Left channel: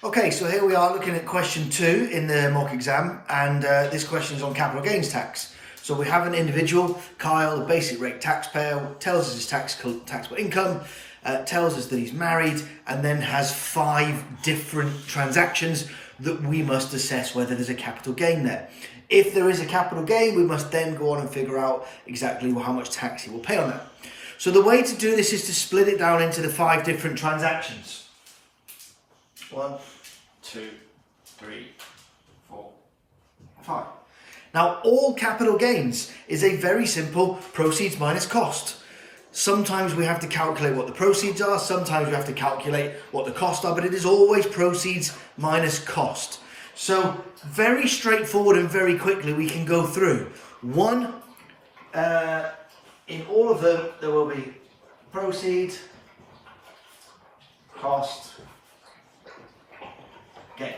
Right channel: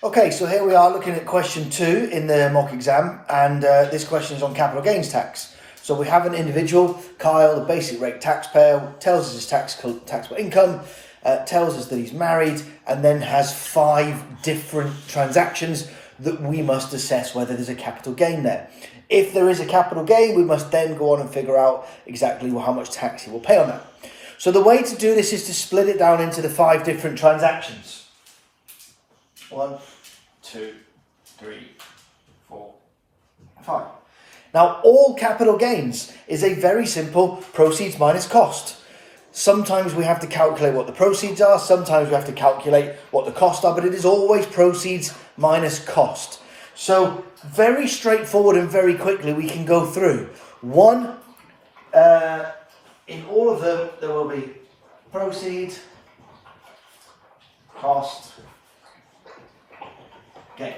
Okay, so here we are looking at question 2 in the mock exam, and this question is on capital gains tax. So we have an individual, Kyle, a basic rate taxpayer, tells us his taxable income, tells us that he's married, and then has 5 different transactions that we must assess whether there's a capital gain there. If there is a capital gain, we must then go on and figure out exactly how much tax he will pay on that. So the way to do this is to split it down into the 5 different transactions. 1, 2, 3, 4, 5. Now, all capital gains is a very simple proceeds minus cost. Sometimes we have to calculate what the proceeds are, sometimes we have to calculate what the costs are, but it is always proceeds minus cost. So, very straightforward and very quickly we can go through. One, in all of them, there will be proceeds, cost, gain.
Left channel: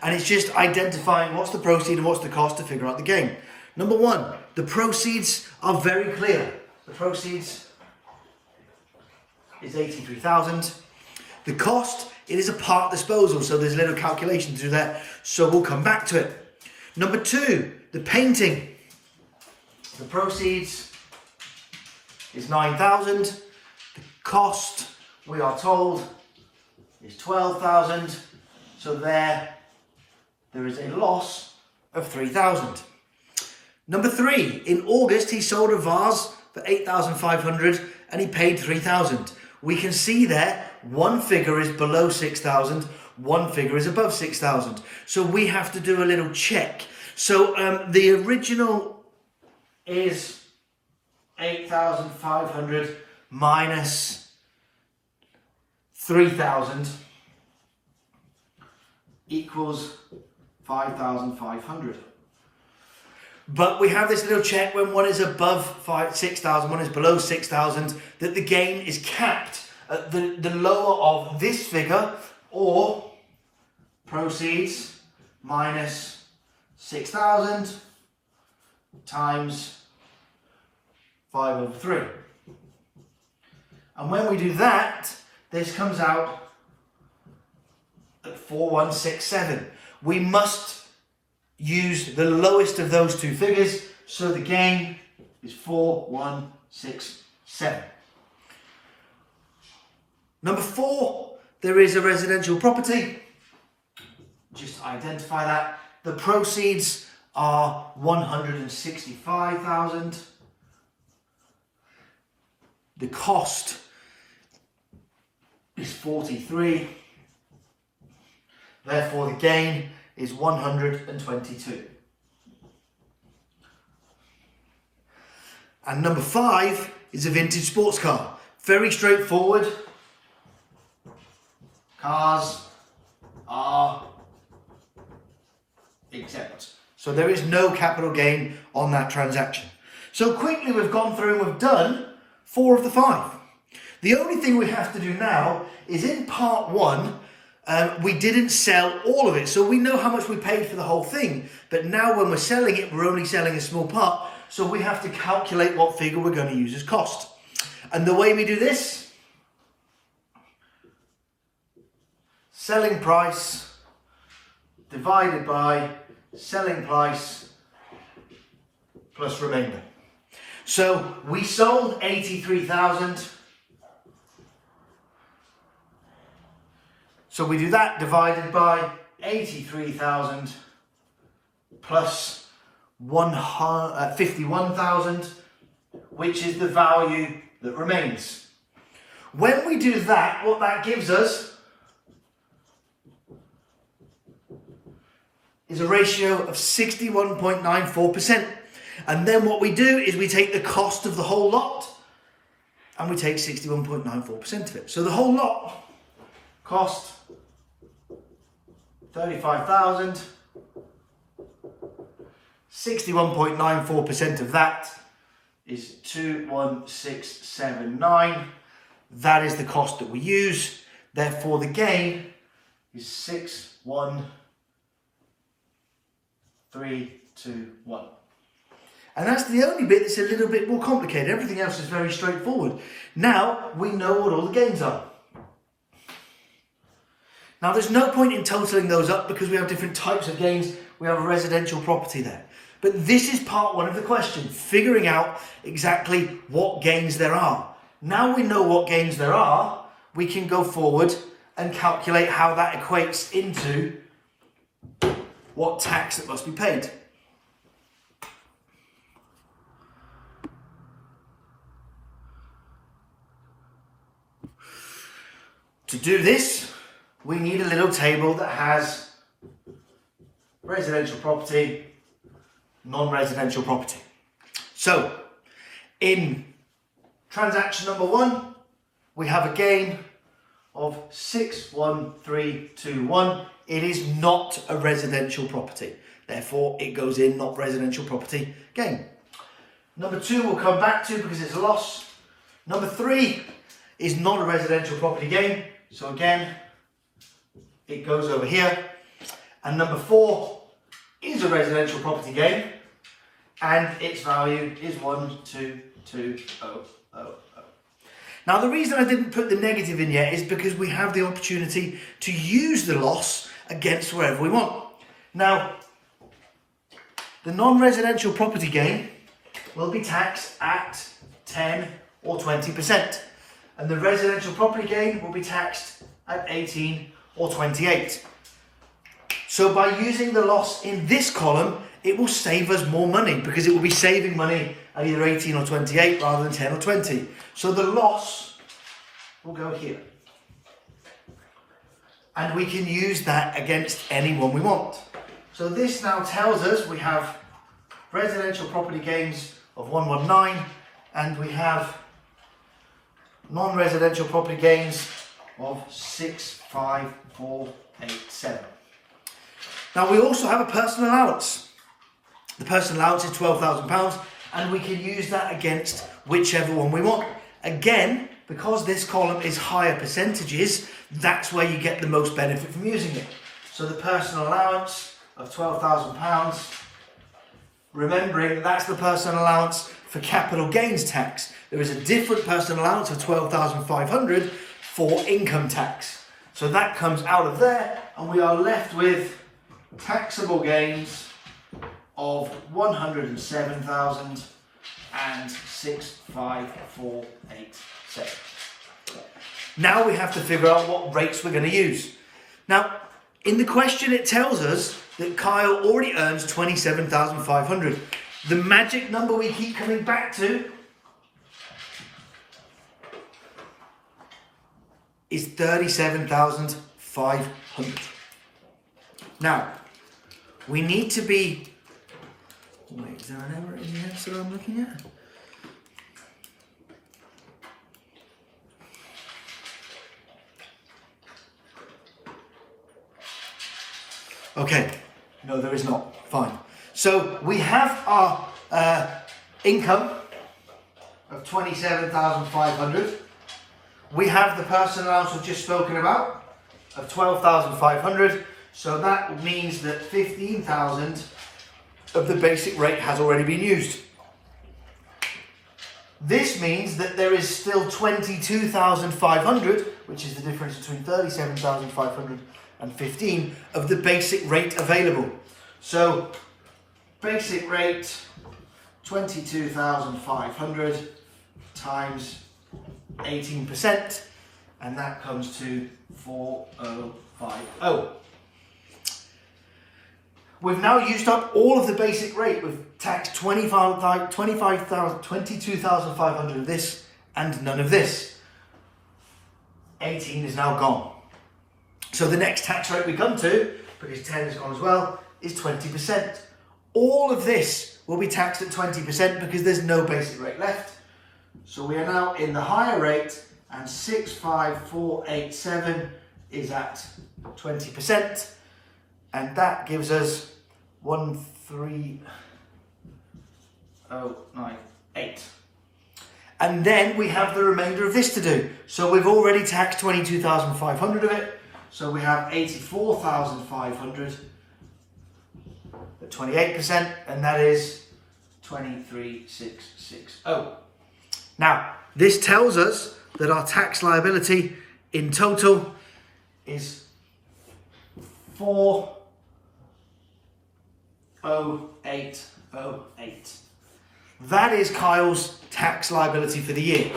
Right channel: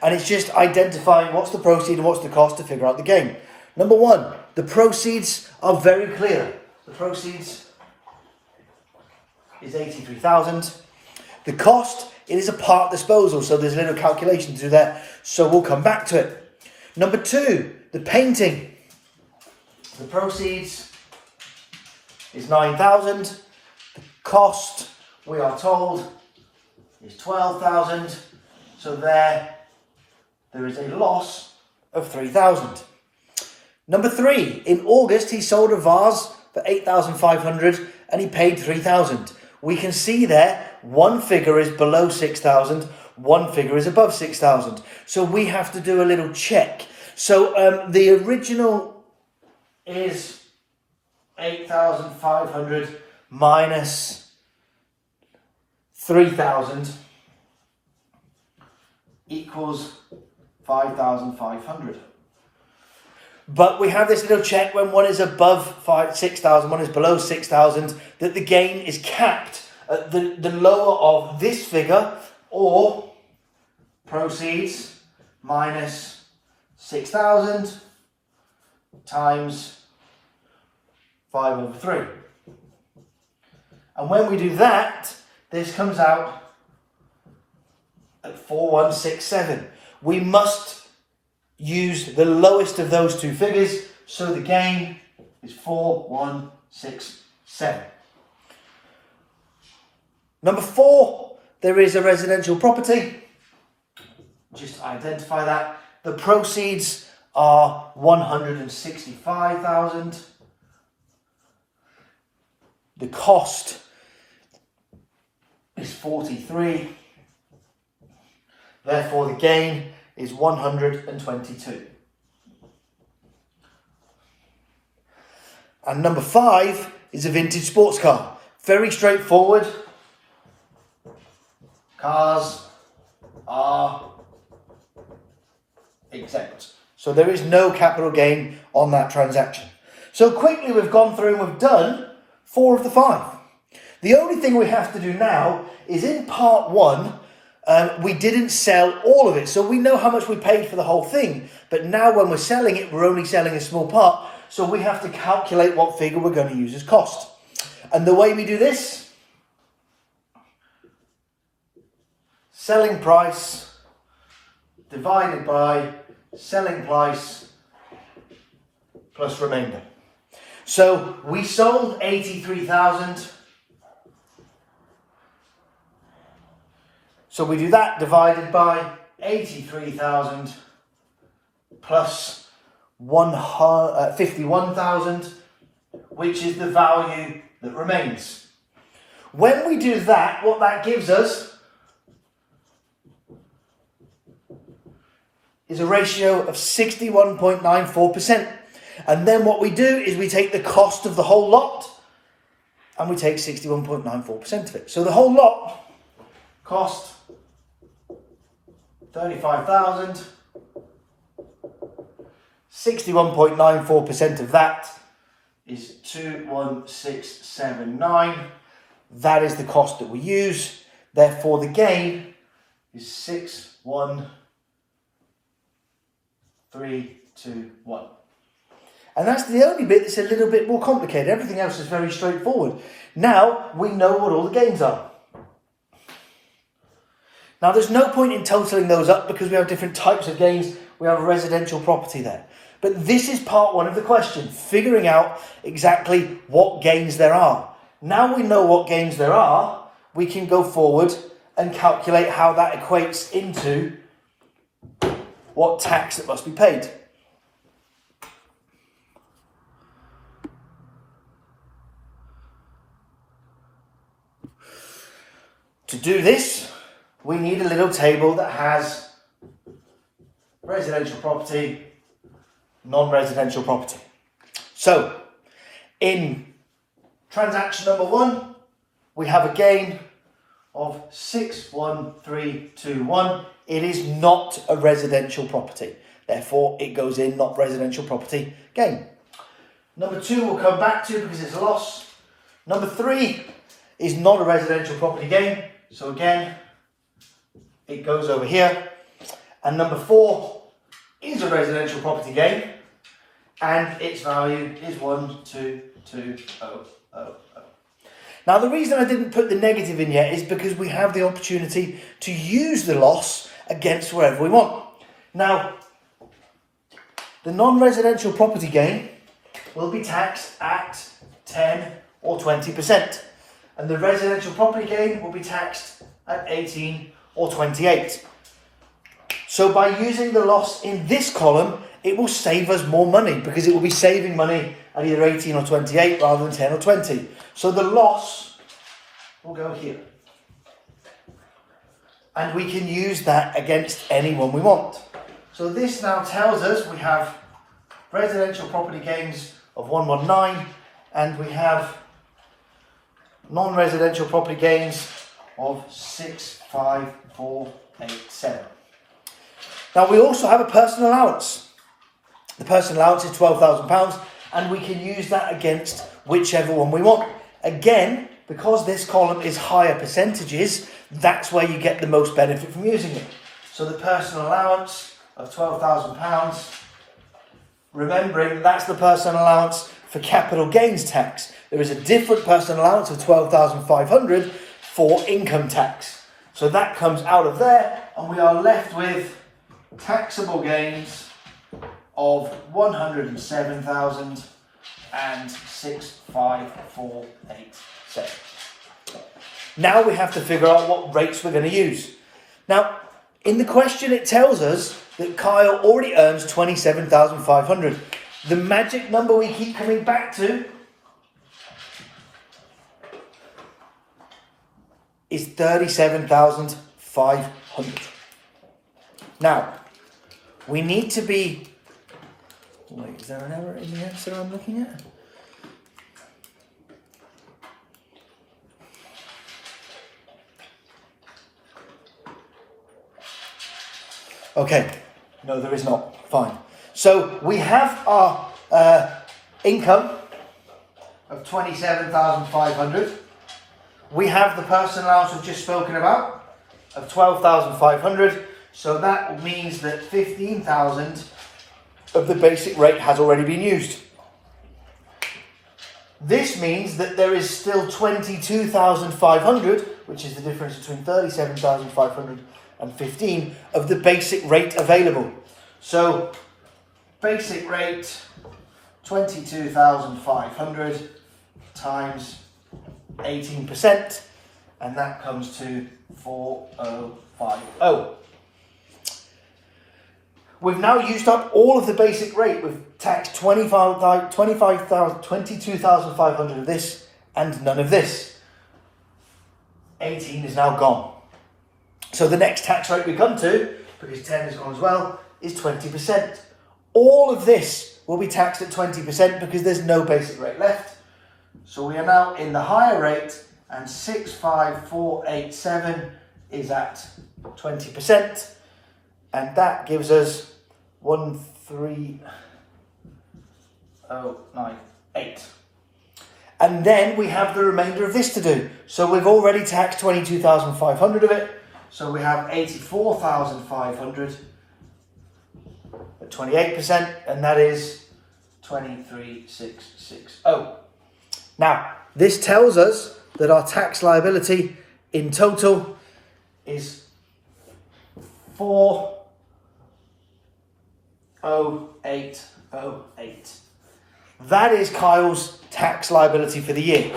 And it's just identifying what's the proceed and what's the cost to figure out the gain. Number 1, the proceeds are very clear. The proceeds is 83,000. The cost, it is a part disposal, so there's a little calculation to do there, so we'll come back to it. Number 2, the painting. The proceeds is 9,000. The cost, we are told, is 12,000. So there is a loss of 3,000. Number 3, in August, he sold a vase for 8,500 and he paid 3,000. We can see there, one figure is below 6,000, one figure is above 6,000. So we have to do a little check. So the original is 8,500 minus 3,000 equals 5,500. But we have this little check when one is above 6,000, one is below 6,000, that the gain is capped at the lower of this figure, or proceeds minus 6,000 times 5/3. And when we do that, this comes out at 4,167. We must use the lowest of those two figures, so the gain is 4,167. Number 4, there is a residential property. Just identify that. The proceeds are 165,000. The cost is 43. Therefore, the gain is 122. And number 5 is a vintage sports car. Very straightforward. Cars are exempt. So there is no capital gain on that transaction. So quickly we've gone through and we've done 4 of the 5. The only thing we have to do now is in part 1, we didn't sell all of it, so we know how much we paid for the whole thing. But now when we're selling it, we're only selling a small part, so we have to calculate what figure we're going to use as cost. And the way we do this, selling price divided by selling price plus remainder. So we sold 83,000. So we do that divided by 83,000 plus 51,000, which is the value that remains. When we do that, what that gives us is a ratio of 61.94%. And then what we do is we take the cost of the whole lot and we take 61.94% of it. So the whole lot cost 35,000. 61.94% of that is 21679. That is the cost that we use. Therefore, the gain is 61321. And that's the only bit that's a little bit more complicated. Everything else is very straightforward. Now we know what all the gains are. Now, there's no point in totaling those up because we have different types of gains. We have residential property there. But this is part one of the question, figuring out exactly what gains there are. Now we know what gains there are, we can go forward and calculate how that equates into what tax that must be paid. To do this, we need a little table that has residential property, non-residential property. So, in transaction number 1, we have a gain of 61321. It is not a residential property. Therefore, it goes in not residential property gain. Number 2 we'll come back to because it's a loss. Number 3 is not a residential property gain. So again, it goes over here. And number 4 is a residential property gain. And its value is 122,000. Now, the reason I didn't put the negative in yet is because we have the opportunity to use the loss against wherever we want. Now, the non-residential property gain will be taxed at 10 or 20%. And the residential property gain will be taxed at 18 or 28. So by using the loss in this column, it will save us more money because it will be saving money at either 18 or 28 rather than 10 or 20. So the loss will go here. And we can use that against anyone we want. So this now tells us we have residential property gains of 119 and we have non-residential property gains of 65487. Now we also have a personal allowance. The personal allowance is £12,000 and we can use that against whichever one we want. Again, because this column is higher percentages, that's where you get the most benefit from using it. So the personal allowance of £12,000, remembering that's the personal allowance for capital gains tax. There is a different personal allowance of £12,500 for income tax. So that comes out of there and we are left with taxable gains of 107,000 and 65487. Now we have to figure out what rates we're going to use. Now, in the question it tells us that Kyle already earns 27,500. The magic number we keep coming back to is 37,500. Now, we need to be... Wait, is there an error in the answer I'm looking at? Okay, no, there is not. Fine. So we have our income of 27,500. We have the personal allowance we've just spoken about of 12,500. So that means that 15,000 of the basic rate has already been used. This means that there is still 22,500, which is the difference between 37,500 and 15 of the basic rate available. So basic rate 22,500 times 18%, and that comes to 4050. We've now used up all of the basic rate. We've taxed 22,500 of this and none of this. 18 is now gone. So the next tax rate we come to, because 10 is gone as well, is 20%. All of this will be taxed at 20% because there's no basic rate left. So we are now in the higher rate, and 65487 is at 20%, and that gives us 13098. And then we have the remainder of this to do. So we've already taxed 22,500 of it. So we have 84,500 at 28%, and that is 23,660. Now, this tells us that our tax liability in total is 40808. That is Kyle's tax liability for the year.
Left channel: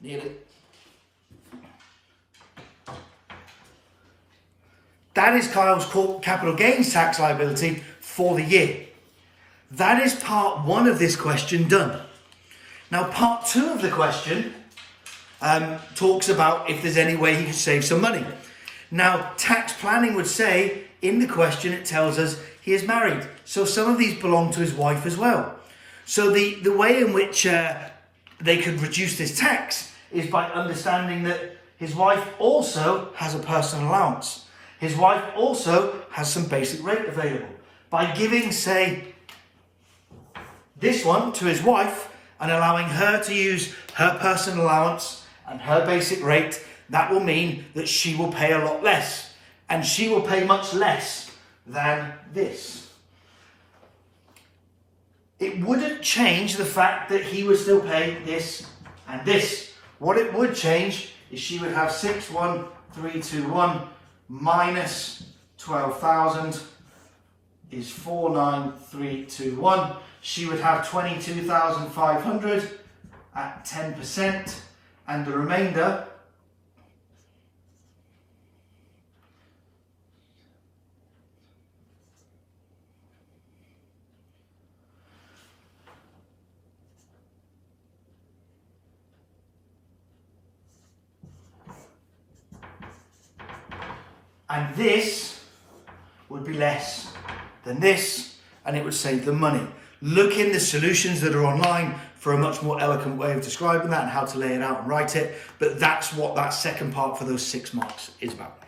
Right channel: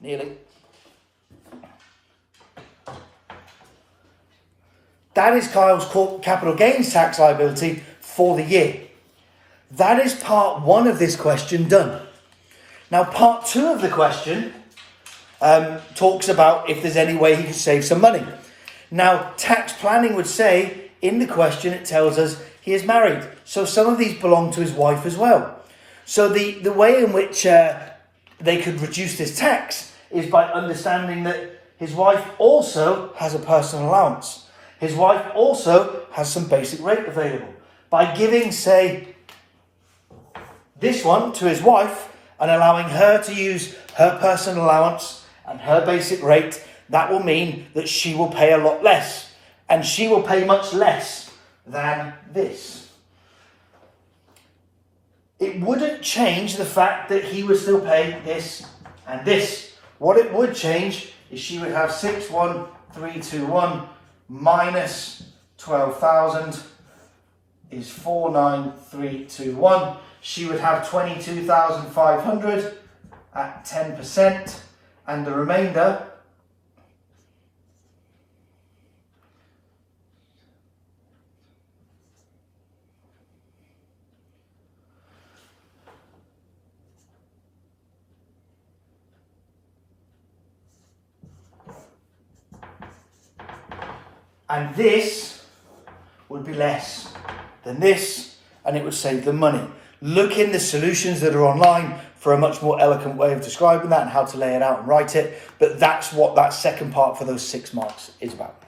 Nearly. That is Kyle's capital gains tax liability for the year. That is part one of this question done. Now, part two of the question talks about if there's any way he could save some money. Now, tax planning would say, in the question, it tells us he is married. So some of these belong to his wife as well. So the way in which they could reduce this tax is by understanding that his wife also has a personal allowance. His wife also has some basic rate available. By giving, say, this one to his wife and allowing her to use her personal allowance and her basic rate, that will mean that she will pay a lot less. And she will pay much less than this. It wouldn't change the fact that he would still pay this and this. What it would change is she would have 61321 minus 12,000 is 49321. She would have 22,500 at 10%, and the remainder and this would be less than this, and it would save them money. Look in the solutions that are online for a much more eloquent way of describing that and how to lay it out and write it. But that's what that second part for those 6 marks is about.